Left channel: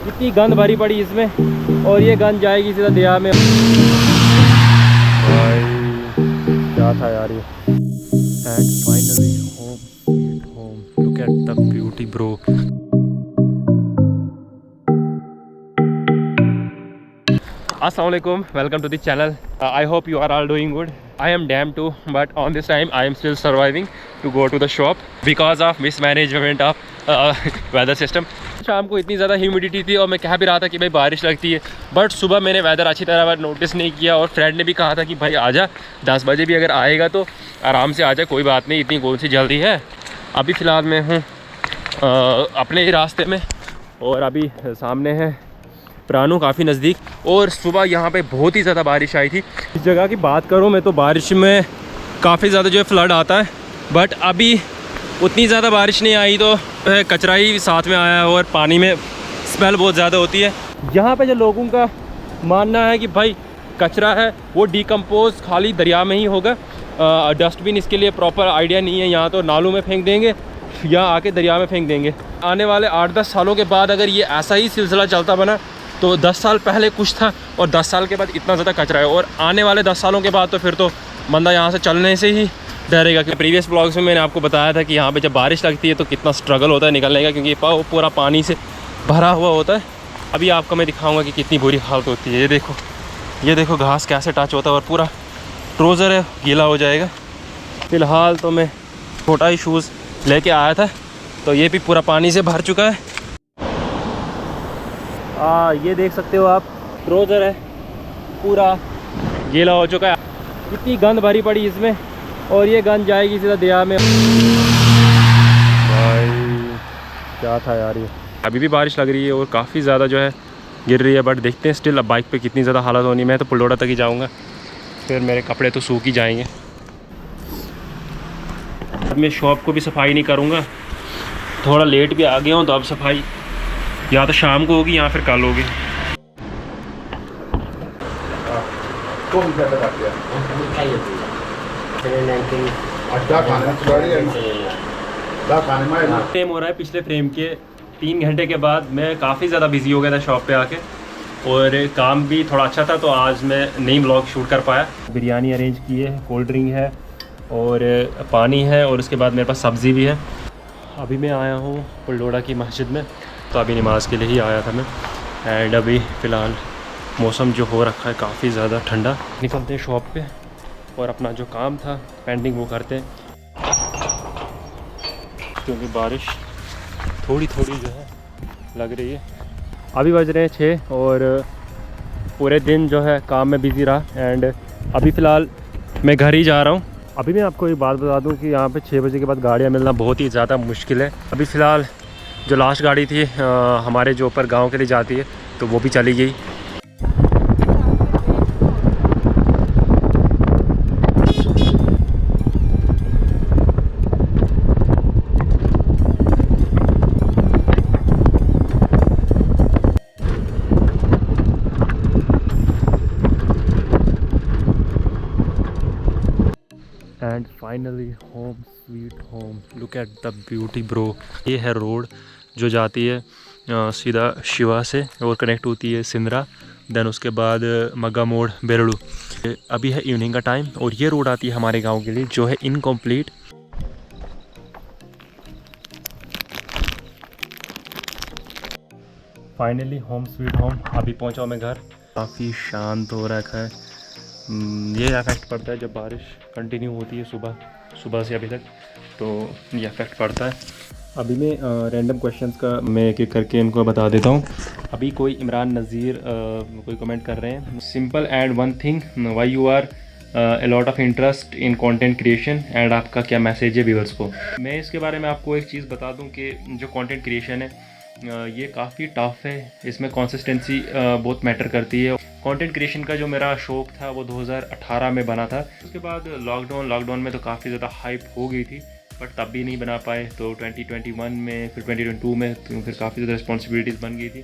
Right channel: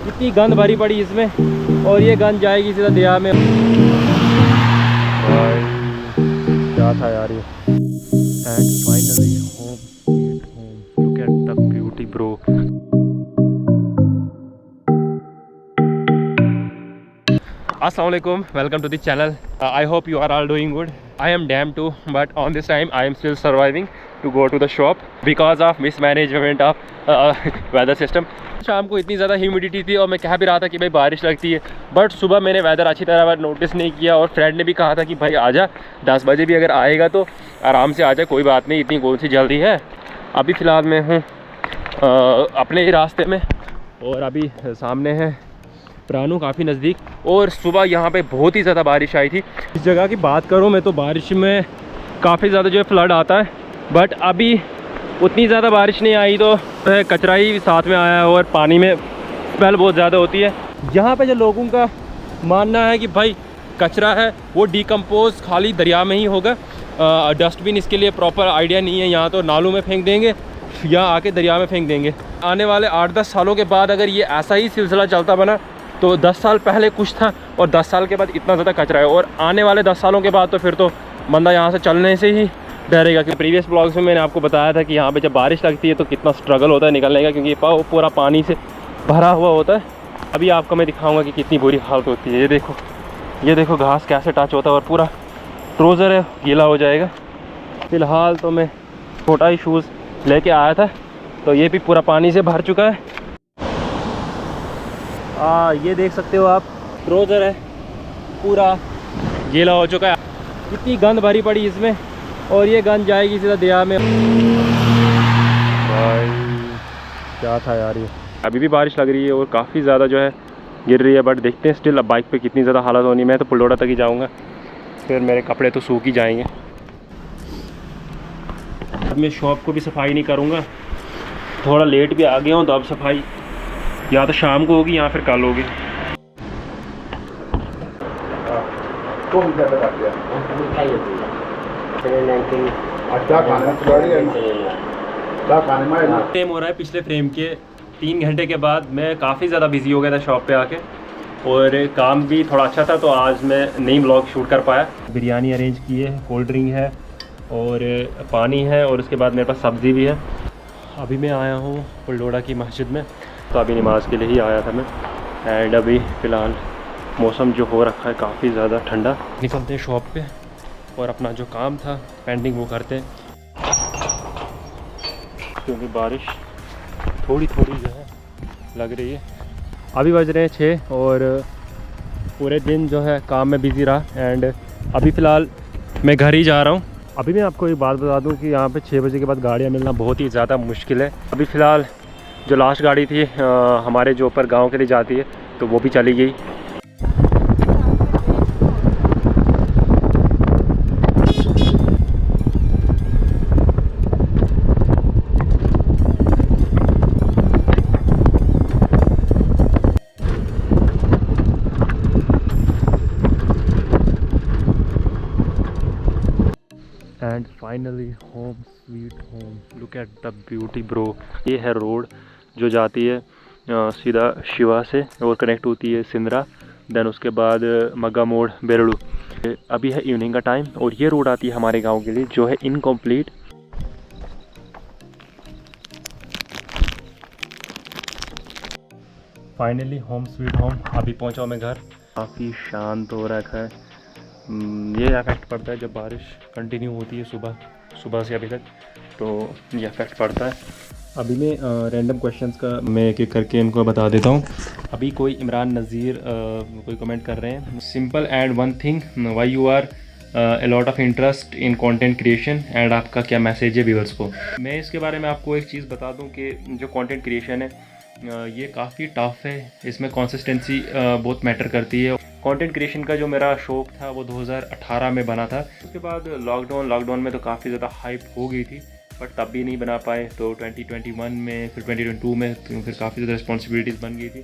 इतनी गंद भरी पड़ी इसमें, और ये गंद जाएगी सीधा दरिया में। क्या था यार ये। And finally home sweet home, look at the beauty bro. Assalamualaikum, welcome to the channel. I hope you are all doing good. I am damn too, but on this time I am still surviving to go to the shop because of mismanagement of weather system. शाम को इतनी ज़्यादा humidity थी और मैं कह भी रहा था कि भाई बारिश लगती है, बट सुबह मैंने वेदर अच्छी तरह नोटिस नहीं किया और फ्रेंड ने भी कहा था कि भाई आजा 10 बजे भी अगर आएगा तो आराम से आजा, कोई बात नहीं, इतनी कौन सी जल्दी है। अभी फ़िलहाल मैं हूँ अपने ही रास्ते में और अभी सामने है प्राणु, काफ़ी नज़दीक, और सुबह यहाँ पे बहुत ही ज़्यादा बारिश आई थी। इस जगह की बात करूँ मैं तो बारिश में काफ़ी ज़्यादा जो है फ्लड आता है, बट अभी उतनी ज़्यादा बारिश नहीं आई तो कचरा ही साथ में आया है और पानी में स्मेल बहुत ज़्यादा होती है। यहाँ पे जो लोगों का मानना है कि भाई कचरा है वो डिकम्पोज खाली दरिया में ही होगा, डस्टबिन इसके लिए प्रॉपर आइडिया नहीं है। यहाँ तो नालों में फेंक देंगे या आके दरिया में फेंक देंगे। आने वाले 8-10 सालों के बाद अगर ये ऐसा ही सिलसिला चलता बना तो 10 साल पहले कुछ था और 10 साल के बाद इतना ज़्यादा कचरा है, और आने वाले 10 सालों के बाद तो फिर तो बंदा यहाँ से चलने से ही डरेगा। कि प्रीवियस ब्लॉग्स में मैंने आपको बताया था कि यहाँ पे जब बारिश लगती है तो कितना स्ट्रगल होता है निकलने का, क्योंकि पूरा पानी से भरा हुआ होता है। अभी आपको मैं दिखाऊँगा कि कितनी बुरी हालत होती है। ये देखो घास कैसे टच होता है और पूरा ट्राउज़र है गीला हो जाएगा। फ़िलहाल तो मैं छोटा ही शूज़ लेके आया था तो ये भी पूरा पानी से भर चुका है। ये देख सकते हो आप, ट्राउज़र है पूरा गीला हो चुका है। इतनी गंद भरी पड़ी इसमें, और ये गंद जाएगी सीधा दरिया में। भाई क्या था यार ये। अभी भी बारिश लग रही है और काफ़ी ज़्यादा जो है गिर रही है, बट देखते हैं स्टिल अब बाइक पे कितनी ज़्यादा हालत होनी है। मैं तो पुलोड़ा तक ही जाऊँगा, फिर मेरे कपड़े तो सूख ही जाएंगे। अब मैं शॉप को भी सफाई नहीं करूँगा, थोड़ा लेट भी आ गया हूँ तो अब सफाई या तो शाम को होगी या फिर कल होगी। टाइम हो रहा है पिछले फ्रेम के 3 घंटे के बाद। मैं काफ़ी ज़्यादा बिजी हो गया था शॉप पे आके, और काम भी थोड़ा अच्छा था तो आज मैं नई ब्लॉग शूट कर पाया। बिरयानी अरेंज की है, कोल्ड ड्रिंक है और पानी है, और उसके बाद मेरे पास सब्ज़ी भी है। अभी मैं आया हूँ पुलोड़ा की मस्जिद में, तो अभी नमाज़ के लिए ही आया था मैं। एंड अभी फ़िलहाल मौसम जो हो रखा है काफ़ी ज़्यादा ठंडा। निकलते हैं शॉप पे और अपना जो काम था पेंडिंग वो करते हैं, क्योंकि बारिश थोड़ी थोड़ी जो है लग रही है। अभी बज रहे हैं 6 और पूरे दिन जो है काम में बिज़ी रहा। एंड अभी फ़िलहाल मैं घर ही जा रहा हूँ। अभी मैं आपको एक बात बता दूँ कि यहाँ पे 6 बजे के बाद गाड़ियाँ मिलना बहुत ही ज़्यादा मुश्किल है। अभी फ़िलहाल जो लास्ट गाड़ी थी हमारे जो ऊपर गांव के लिए जाती है तो वो भी चली गई। And finally home sweet home, look at the beauty bro. ये है रोड जो जाती है सीधा शिवा से और कनेक्ट होती है सिंदरा, देन उसके बाद मग्गा मोड़ बेरड़ू। अभी है इवनिंग का टाइम और ये रोड आती है हमारे गांव के लिए जो है incomplete. Finally home sweet home, अभी पहुंचा मैं घर। काफ़ी शांत हो रखा है। ये इफेक्ट पड़ता है जब बारिश कंटिन्यू होती है सुबह से अभी तक, तो ये इफेक्ट पड़ता है। अभी मैं रैंडम क्वेश्चंस का मैं एक एक करके इनको बता देता हूँ। अभी कोई इमरान नज़ीर कोई कमेंट कर रहे हैं, simple and one thing why you are a lot of interest in content creation, and आपका क्या मैसेज है व्यूअर्स को। मैं इसके बारे में आपको एक चीज़ बता दूं कि जो कंटेंट क्रिएशन है ये काफ़ी टफ है, इसमें कंसिस्टेंसी बहुत मैटर करती है। कंटेंट क्रिएशन का जो मेरा शौक़ था वो 2018 में बना था। उसके बाद लॉकडाउन में तो काफ़ी ज़्यादा हाइप हो गई थी, बट तब भी नहीं बना पाए। तो 2021 में, फिर 2022 में फिर काफ़ी ज़्यादा रिस्पॉन्सिबिलिटीज़ बन गई थी।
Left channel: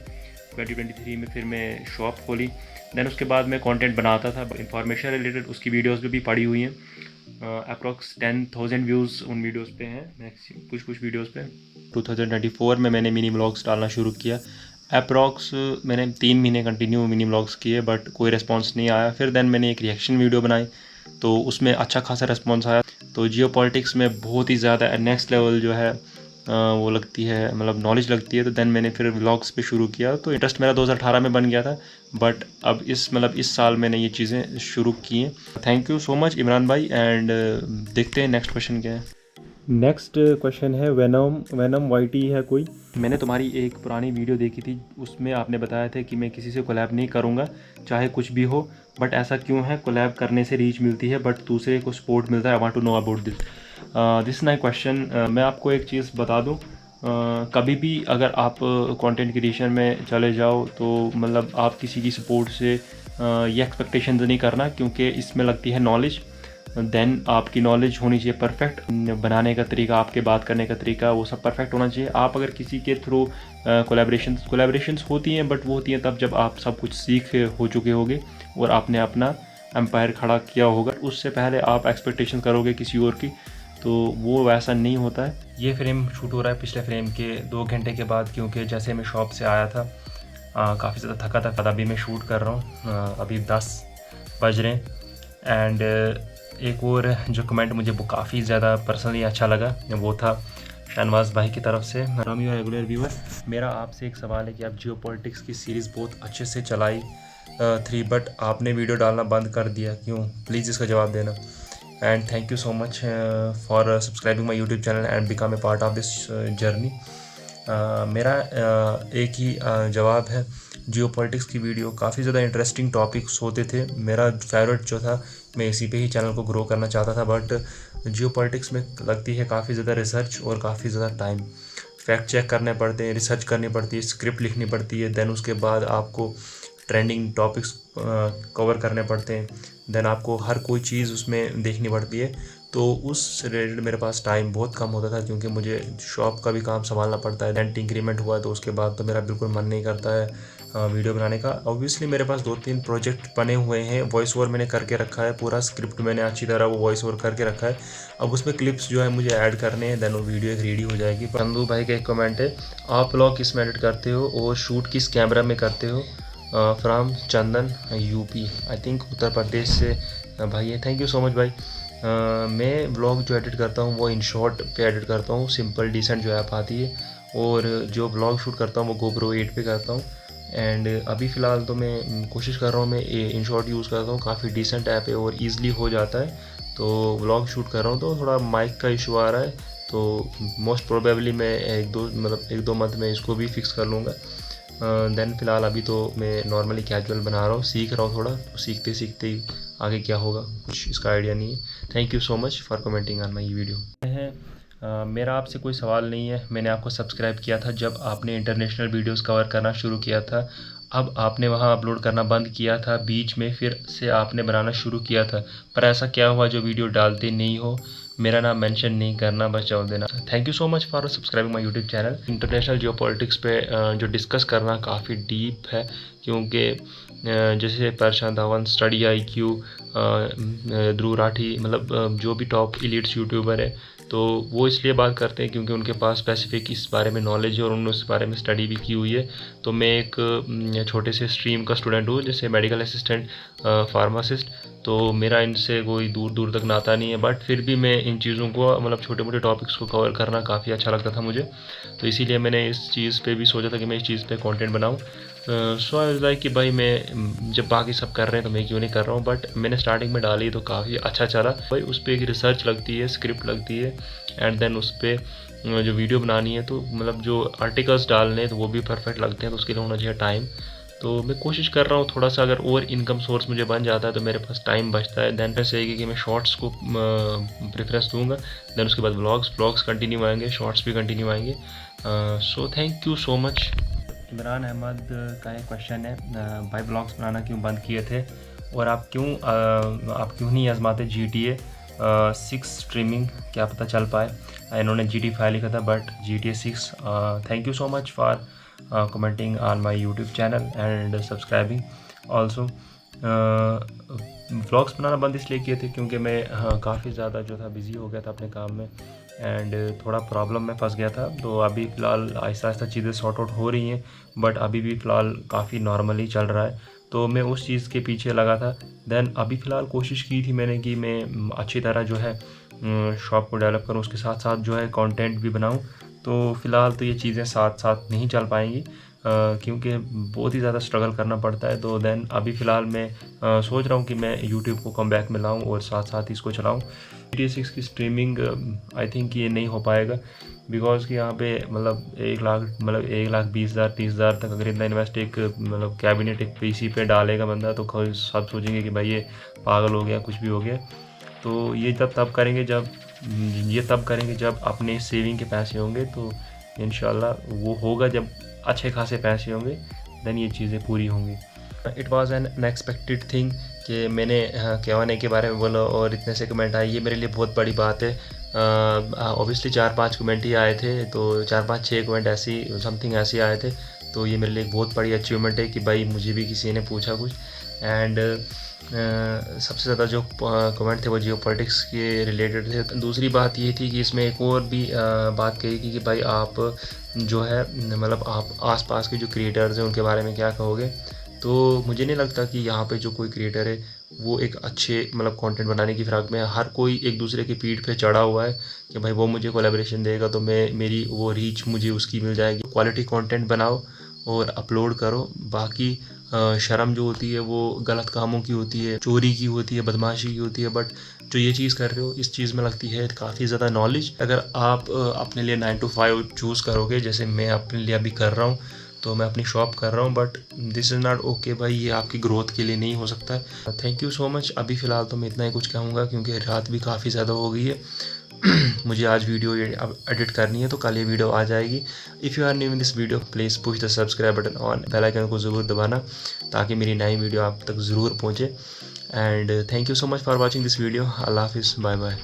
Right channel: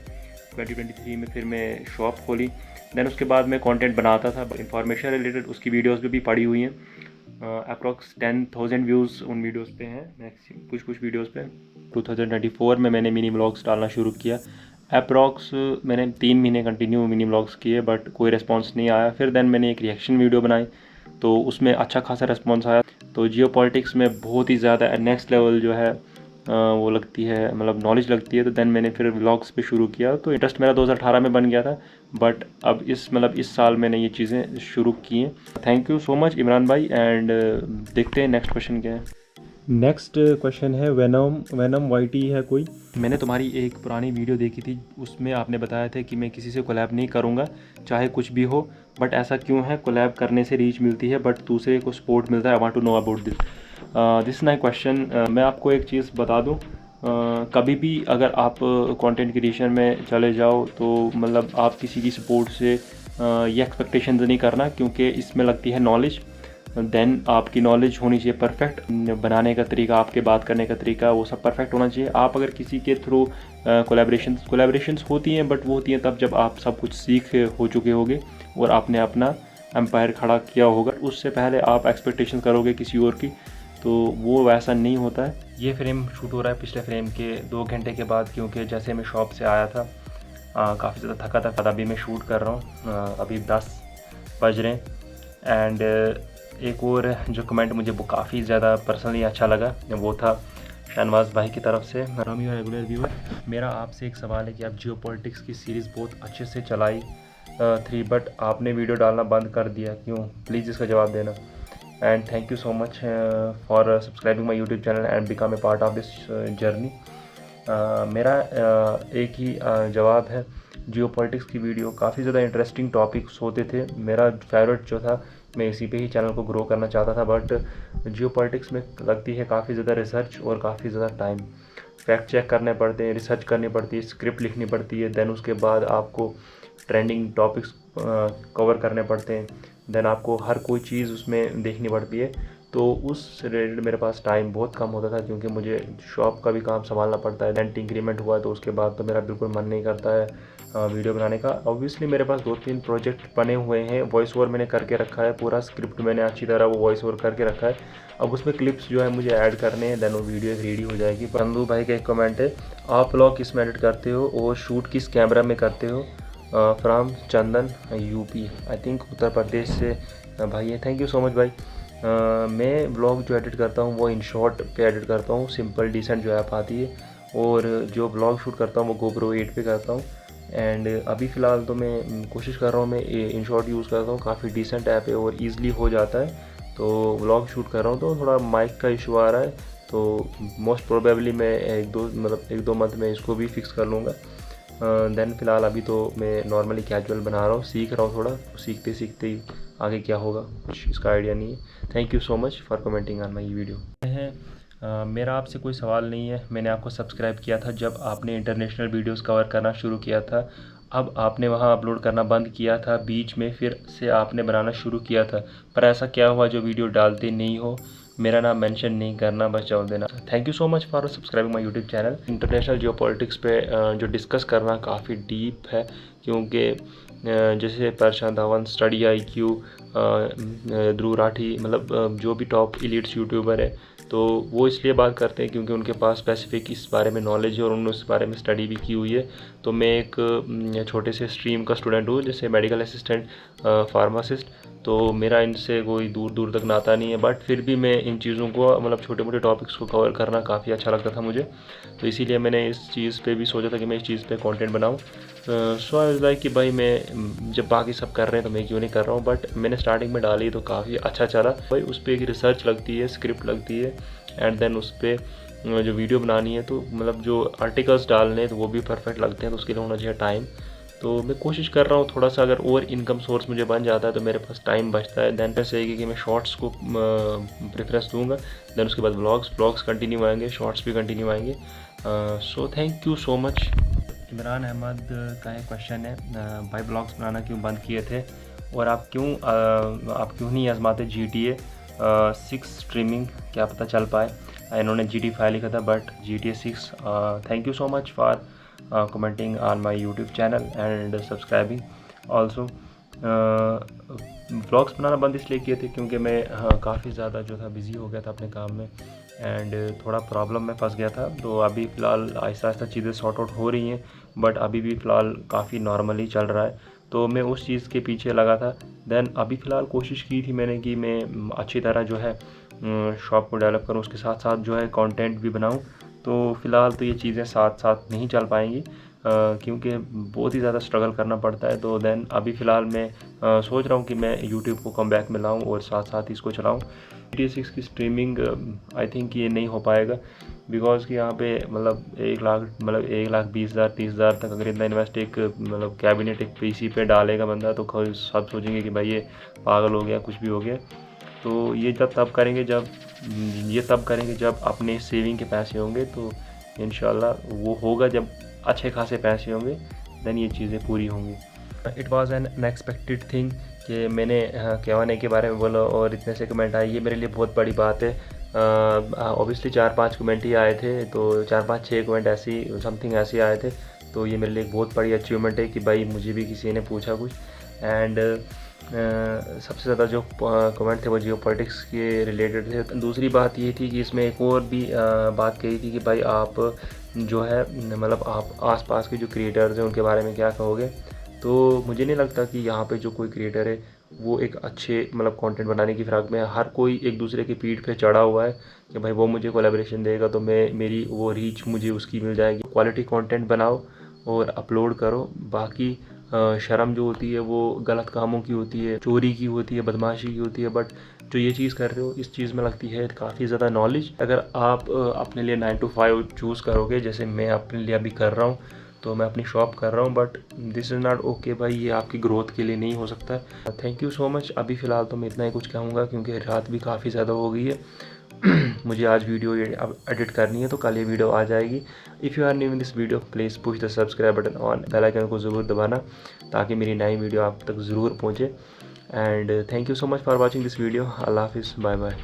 2023 में फिर मैं शॉप खोली, दैन उसके बाद मैं कंटेंट बनाता था इंफॉर्मेशन रिलेटेड, उसकी वीडियोस भी पड़ी हुई हैं। अप्रॉक्स 10,000 व्यूज़ उन वीडियोस पे हैं, मैक्सिमम कुछ वीडियोस पे। 2024 में मैंने मिनी व्लॉग्स डालना शुरू किया अप्रॉक्स मैंने 3 महीने कंटिन्यू मिनी व्लॉग्स किए बट कोई रिस्पांस नहीं आया। फिर देन मैंने एक रिएक्शन वीडियो बनाई तो उसमें अच्छा खासा रिस्पांस आया। तो जियो पॉलिटिक्स में बहुत ही ज़्यादा नेक्स्ट लेवल जो है वो लगती है, मतलब नॉलेज लगती है। तो देन मैंने फिर व्लॉग्स पे शुरू किया। तो इंटरेस्ट मेरा 2018 में बन गया था बट अब इस साल मैंने ये चीज़ें शुरू की हैं। Thank you so much Imran भाई। एंड देखते हैं नेक्स्ट क्वेश्चन क्या है। नेक्स्ट क्वेश्चन है वेनम वाईटी है कोई। मैंने तुम्हारी एक पुरानी वीडियो देखी थी, उसमें आपने बताया था कि मैं किसी से कोलैब नहीं करूँगा चाहे कुछ भी हो, बट ऐसा क्यों है? कोलैब करने से रीच मिलती है बट दूसरे को सपोर्ट मिलता है। I want to know about this my question. मैं आपको एक चीज़ बता दूँ, कभी भी अगर आप कंटेंट क्रिएशन में चले जाओ तो मतलब आप किसी की सपोर्ट से ये एक्सपेक्टेशन नहीं करना, क्योंकि इसमें लगती है नॉलेज। देन आपकी नॉलेज होनी चाहिए परफेक्ट, बनाने का तरीका, आपके बात करने का तरीका, वो सब परफेक्ट होना चाहिए। आप अगर किसी के थ्रू कोलैबोरेशंस होती हैं बट वो होती हैं तब जब आप सब कुछ सीख हो चुके होगे और आपने अपना एम्पायर खड़ा किया होगा। उससे पहले आप एक्सपेक्टेशन करोगे किसी और की, तो वो वैसा नहीं होता है। ये फ्रेम शूट हो रहा है पिछले फ्रेम के 2 घंटे के बाद, क्योंकि जैसे मैं शॉप से आया था काफ़ी ज़्यादा थका था। अभी मैं शूट कर रहा हूँ, अभी 10 बज रहे हैं। एंड एक और जो कमेंट मुझे वो काफ़ी ज़्यादा पर्सनली अच्छा लगा, वो था शहनवाज भाई की तरफ से। रामी और रेगुलर व्यूअर, मेरा आपसे एक सवाल है कि आप जियो पॉलिटिक्स की सीरीज़ बहुत अच्छे से चलाई थी बट आपने वीडियो डालना बंद कर दिया, क्यों? प्लीज़ इसका जवाब देना। And thank you so much for subscribing my YouTube channel and become a part of this journey. मेरा एक ही जवाब है, जियो पॉलिटिक्स की वीडियो काफ़ी ज़्यादा इंटरेस्टिंग टॉपिक्स होते थे। मेरा फेवरेट जो था, मैं इसी पे ही चैनल को ग्रो करना चाहता था, बट जियो पॉलिटिक्स में लगती है काफ़ी ज़्यादा रिसर्च और काफ़ी ज़्यादा टाइम। फैक्ट चेक करने पड़ते हैं, रिसर्च करनी पड़ती है, स्क्रिप्ट लिखनी पड़ती है, देन उसके बाद आपको ट्रेंडिंग टॉपिक्स कवर करने पड़ते हैं, देन आपको हर कोई चीज़ उसमें देखनी पड़ती है। तो उस रिलेटेड मेरे पास टाइम बहुत कम होता था, क्योंकि मुझे शॉप का भी काम संभालना पड़ता है। रेंट इंक्रीमेंट हुआ तो उसके बाद तो मेरा बिल्कुल मन नहीं करता है वीडियो बनाने का। ऑब्वियसली मेरे पास 2-3 प्रोजेक्ट बने हुए हैं, वॉइस ओवर मैंने करके रखा है, पूरा स्क्रिप्ट मैंने अच्छी तरह वो वॉइस ओवर करके रखा है। अब उसमें क्लिप्स जो है मुझे ऐड करने हैं, देन वो वीडियो एक रेडी हो जाएगी। चंदू भाई का एक कमेंट है, आप व्लॉग किस में एडिट करते हो और शूट किस कैमरा में करते हो? From Chandan UP, I think Uttar Pradesh से भाई है। थैंक यू सो मच भाई। मैं ब्लॉग जो एडिट करता हूँ वो इन शॉर्ट पे एडिट करता हूँ, सिंपल डिसेंट जो ऐप आती है, और जो ब्लॉग शूट करता हूँ वो GoPro 8 पे करता हूँ। एंड अभी फ़िलहाल तो मैं कोशिश कर रहा हूँ, मैं इन शॉर्ट यूज़ करता हूँ, काफ़ी डिसेंट ऐप है और ईज़िली हो जाता है। तो ब्लॉग शूट कर रहा हूँ तो थोड़ा माइक का इशू आ रहा है, तो मोस्ट प्रोबेबली मैं एक दो मंथ में इसको भी फिक्स कर लूँगा। देन फ़िलहाल अभी तो मैं नॉर्मली कैजुअल बना रहा हूँ, सीख रहा हूँ थोड़ा, तो सीखते सीखते ही आगे क्या होगा कुछ इसका आइडिया नहीं है। Thank you so much for commenting on my video. मेरा आपसे कोई सवाल नहीं है, मैंने आपको सब्सक्राइब किया था जब आपने इंटरनेशनल वीडियोस कवर करना शुरू किया था। अब आपने वहां अपलोड करना बंद किया था, बीच में फिर से आपने बनाना शुरू किया था, पर ऐसा क्या हुआ जो वीडियो डालते नहीं हो? मेरा नाम मेंशन नहीं करना, बस जवाब देना। Thank you so much for subscribing my YouTube channel. International Jio politics पे जो डिस्कस करना काफ़ी डीप है, क्योंकि जैसे प्रशांत धवन, स्टडी IQ, ध्रुव राठी, मतलब जो भी टॉप इलीट्स यूट्यूबर है, तो वो इसलिए बात करते हैं क्योंकि उनके पास स्पेसिफिक इस बारे में नॉलेज है और उन्होंने उस बारे में स्टडी भी की हुई है। तो मैं एक छोटे से स्ट्रीम का स्टूडेंट हूँ, जैसे मेडिकल असिस्टेंट, फार्मासिस्ट, तो मेरा इनसे कोई दूर दूर तक नाता नहीं है, बट फिर भी मैं इन चीज़ों को, मतलब छोटे मोटे टॉपिक्स को कवर करना काफ़ी अच्छा लगता था मुझे। तो इसीलिए मैंने इस चीज़ पे भी सोचा था कि मैं इस चीज़ पे कंटेंट बनाऊँ। सो आई वाज लाइक कि भाई मैं जब बाकी सब कर रहे हैं तो मैं क्यों नहीं कर रहा हूँ। बट मैंने स्टार्टिंग में डाली तो काफ़ी अच्छा चला भाई। उस पर एक रिसर्च लगती है, स्क्रिप्ट लगती है, एंड देन उस पर जो वीडियो बनानी है, तो मतलब जो आर्टिकल्स डालने हैं तो वो भी परफेक्ट लगते हैं, तो उसके लिए होना चाहिए टाइम। तो मैं कोशिश कर रहा हूँ थोड़ा सा, अगर और इनकम सोर्स मुझे बन जाता है तो मेरे पास टाइम बचता है। देन ऐसे है कि मैं शॉर्ट्स को प्रेफरेंस दूंगा, देन उसके बाद व्लॉग्स कंटिन्यू आएंगे, शॉर्ट्स भी कंटिन्यू आएंगे। So thank you so much. Imran Ahmed का एक क्वेश्चन है, भाई ब्लॉग्स बनाना क्यों बंद किए थे और आप क्यों नहीं आजमाते GTA 6 स्ट्रीमिंग, क्या पता चल पाए? इन्होंने GTA 5 लिखा था but GTA 6। Thank you so much for commenting on my YouTube channel and subscribing also. Vlogs बनाना बंद इसलिए किए थे क्योंकि मैं काफ़ी ज़्यादा जो था बिज़ी हो गया था अपने काम में, एंड थोड़ा प्रॉब्लम में फंस गया था। तो अभी फ़िलहाल आहिस्ता आहिस्ता चीज़ें सॉर्ट आउट हो रही हैं, बट अभी भी फ़िलहाल काफ़ी नॉर्मली चल रहा है। तो मैं उस चीज़ के पीछे लगा था। देन अभी फ़िलहाल कोशिश की थी मैंने कि मैं अच्छी तरह जो है शॉप को डेवलप करूँ, उसके साथ साथ जो है कंटेंट भी बनाऊँ। तो फ़िलहाल तो ये चीज़ें साथ साथ नहीं चल पाएंगी, क्योंकि बहुत ही ज़्यादा स्ट्रगल करना पड़ता है। तो देन अभी फ़िलहाल मैं सोच रहा हूँ कि मैं यूट्यूब को कम बैक में लाऊँ और साथ साथ इसको चलाऊँ। GTA 6 की स्ट्रीमिंग आई थिंक ये नहीं हो पाएगा, बिकॉज़ कि यहाँ पे मतलब 1,20,000 30,000 तक अगर इतना इन्वेस्ट एक मतलब कैबिनेट एक पीसी पे डालेगा बंदा, तो सब सोचेंगे कि भाई ये पागल हो गया, कुछ भी हो गया। तो ये तब करेंगे जब अपने सेविंग के पैसे होंगे। तो इंशाल्लाह वो होगा जब अच्छे खासे पैसे होंगे, देन ये चीज़ें पूरी होंगी। It was an unexpected thing कि मैंने K1A के बारे में बोला और इतने से कमेंट आए, ये मेरे लिए बहुत बड़ी बात है। ऑब्वियसली 4-5 कमेंट ही आए थे, तो 4-5-6 कमेंट ऐसी समथिंग ऐसे आए थे। तो ये मेरे लिए एक बहुत बड़ी अचीवमेंट है कि भाई मुझे भी किसी ने पूछा कुछ। एंड सबसे ज़्यादा जो कमेंट थे वो जियो पॉलिटिक्स के रिलेटेड थे। दूसरी बात ये थी कि इसमें एक और भी बात कही थी कि भाई आप जो है मतलब आप आसपास के जो क्रिएटर्स हैं उनके बारे में क्या कहोगे। तो मुझे नहीं लगता कि यहाँ पे जो कोई क्रिएटर है वो एक अच्छे मतलब कंटेंट बनाने की फ़िराक में है। हर कोई एक दूसरे की पीठ पे चढ़ा हुआ है कि भाई वो मुझे कोलैबोरेशन देगा तो मेरी वो रीच मुझे उसकी मिल जाएगी। क्वालिटी कंटेंट बनाओ और अपलोड करो। बाकी शर्म जो होती है वो गलत कामों की होती है, चोरी की होती है, बदमाशी की होती है। बट जो ये चीज़ कर रहे हो इस चीज़ में लगती है काफ़ी ज़्यादा नॉलेज। अगर आप अपने लिए 9 to 5 चूज़ करोगे, जैसे मैं अपने लिए अभी कर रहा हूँ, तो मैं अपनी शॉप कर रहा हूँ, but this is not okay भाई, ये आपकी ग्रोथ के लिए नहीं हो सकता है। Thank you so much. अभी फ़िलहाल तो मैं इतना ही कुछ कहूँगा क्योंकि रात भी काफ़ी ज़्यादा हो गई है। मुझे आज वीडियो अब एडिट करनी है, तो कल ये वीडियो आ जाएगी। If you are new in this video please push the subscribe button on, bell icon को ज़रूर दबाना ताकि मेरी नई वीडियो आप तक ज़रूर पहुँचे। And thank you so much for watching this video. अल्लाह हाफिज़, बाय बाय।